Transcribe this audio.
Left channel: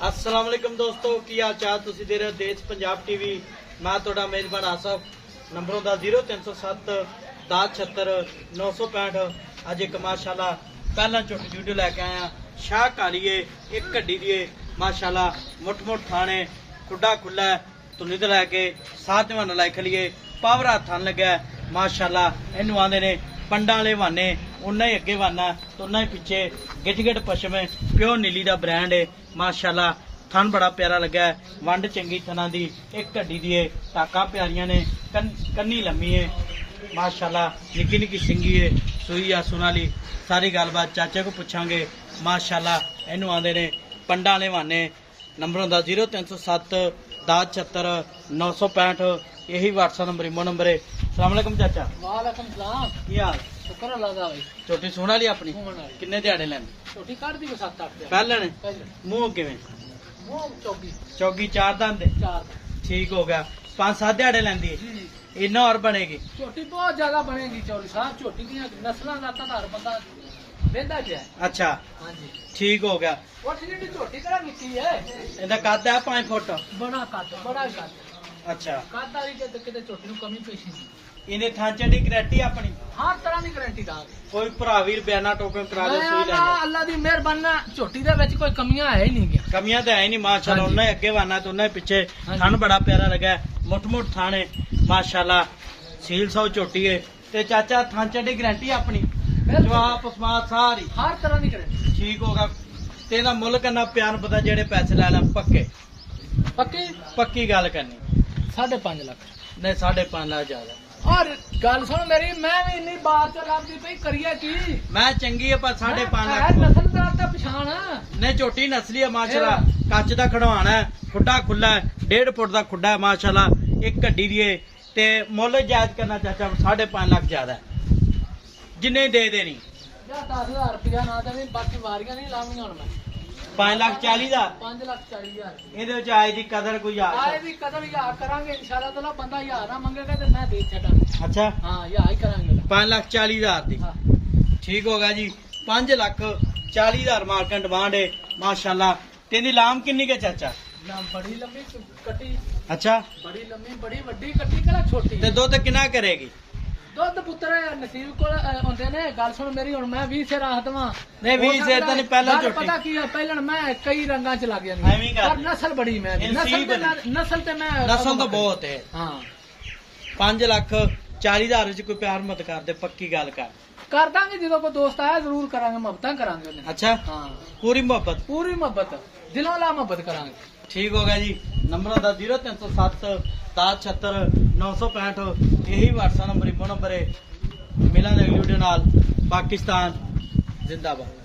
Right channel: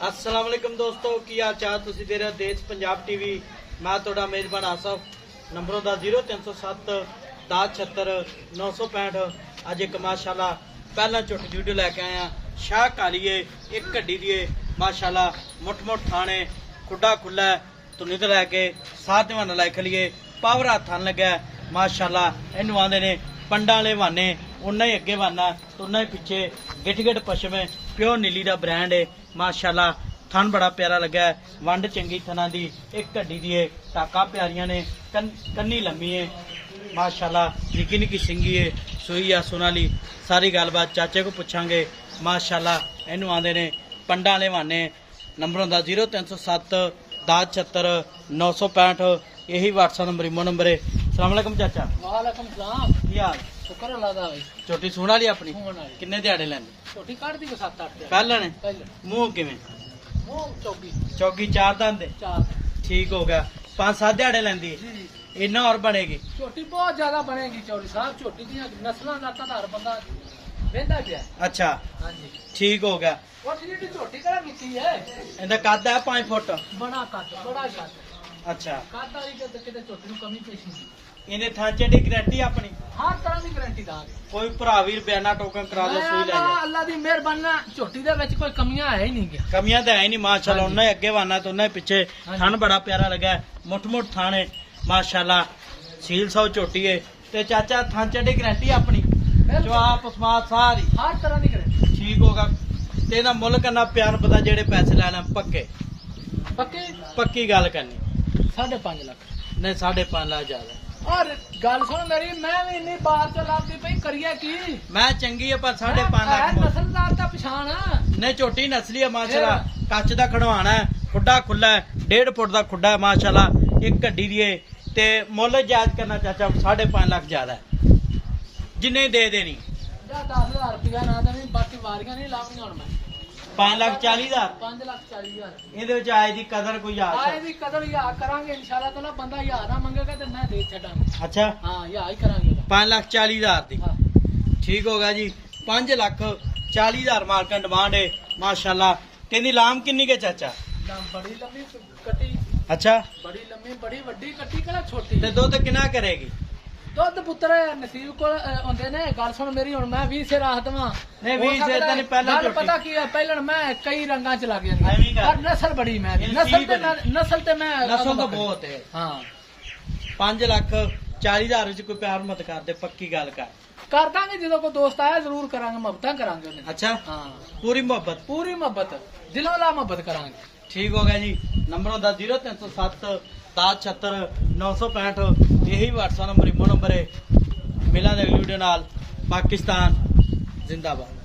अस्सलाम वालेकुम दोस्तों की हाल चाल तुसी दे रहे हो देश पंजाब टीवी। मैं थोड़ा मेजबान आसफ नंबरों का 0307 1076 965। अज एक माशाल्लाह पहला छोटी वीडियो लैके आया शाह कालीए एक गड्डी दिए माशाल्लाह मुठ मुठ थाने खुडा खुला तुनी तो लैके साथ वाना लाई खलीए पावर थान लगे माशाल्लाह इनू आंदे ने पंडा वाले वाने उन्ना ही अगे वाना तो उन्ना ही पिछे गिट गिट पशम है प्योर नीली का ब्रांड है माशाल्लाह। थन बड़ा प्यारा लगा है वंड चंगी थना दी एक गड्डी दी है टाका प्यारियां ने कन्नी लम्मी है माशाल्लाह निकी निकी सिंगी है सुई है सुनाली सारी गलबात चाचे को पूछांगे माशाल्लाह। इनू आंदे ने पंडा वाले वाने नंबरों का 0307 1076 965 यही व्हाट्सएप नंबर इमो नंबर है। अस्सलाम वालेकुम चाचा। वालेकुम सलाम। की हाल शुक्र अल्लाह दा भाई। छोटी सुन वाली अपनी किन्ने दिहाड़े लैंदी छोटी काट दी को 7-8 पहले ने पहले मूंह किवें वो चौकी चौगी चार दंद चार ठीक हो गया 5-7 दिहाड़े लैंदी इन्ना और बनेगी छोटी बहुत ज्यादा बनेगी चौली साहब। छोटी दी नस्लां दा तार बंदा वेंदा पिया। अच्छा हां जी ठीक हो गया। वो ठीक छोटी करा निकी है इहदा कद है 5 फुट बड़ा कद बड़ा कद। अच्छा कद वाली ते किते छोटी नु कमी पेशी इन्हें थांचे दी गारंटी अपनी हर तरह की गारंटी दांगे। कोई भरावीर बयाना टोकन करा दे सुई ले जा अल्लाह दी मेहरबानी छोटी दे विच कोई कमियां है ही नहीं। कमियां तो है नहीं माशाल्लाह। उन्हें अगे वाना तो उन्हें पीछे थन बड़ा प्यारा लगा मुठ मुठ थाने माशाल्लाह सील सौ छोटी है ते चाचा थांचे दी गारंटी अपनी जवाब उस्मात सारी हर तरह की गारंटी ठीक होगा। तेरा मुल करना प्यार पता जेड़े पैसे ले लें पक्के पक्की पक्की गल करनी 5.5 लाख नहीं 5.5 लाख ज्यादा और गल सुन मेरी मैं भी इन्नी बार चलाती पई करिए की मैं चंगी है पर 5.5 है लाख नस्लदार का पछाण है। नहीं छोटी नस्ली है माशाल्लाह कच का खड़वाना है खुडा खुला है 1.5 फुट का खुडा है माशाल्लाह एक गड्डी दिए ते मुल जायज करना चाचा 5.5 लाख ज्यादा है जिन्ने दे देनी 10,000 रुपया ना देनी बाकी वारियां नहीं लाऊंगा हुण मैं 5,40,000 5,40,000 ਇਹਦੇ ਵਿੱਚ ਆਏ ਦੀ ਕਦਰ ਕੋਈ ਆ आए भी कदर यार करांगे इंशाल्लाह ताला बंदा यार ना मंगेगा तो मैं दे छड़ांगा। अच्छा हां यार ही करांगे 5,40,000 ਦੀ हां ठीक होगा जी 5,40,000 मार्केट डिमांड है माशाल्लाह। तेरी लाम किन्नी के चाचा नाम बड़ी लंबी कटी अच्छा बड़ी लंबी बड़ी वड्डी कटी कला छोटी ते दुध किना करेगी दुध पुत्र नसीब को होंदे ने गल सुन मेरी हुण मैं 20 से राहत वां नहीं 20 से तो नहीं पहले गल छोटी पता की है पहले मैं कई रंगा च लग जांदी एवं गल। पर नस्ल बड़ी मैं नस्ल ते मैं नस्ल तो बहुत है हां 5,40,000 च कोई प्यार मत कर दे पक्की गल कर दांगे जो कोई दोस्त आया जरूर करांगे मोहब्बत करांगे। अच्छा हां पूरी मोहब्बत दिलों ला मोहब्बत करांगे। ठीक होगा जी। नंबर होता 0307 1076 965 यही व्हाट्सएप नंबर इमो नंबर है। मिला अगली वीडियो नाल। पाकिस्तान जिंदाबाद।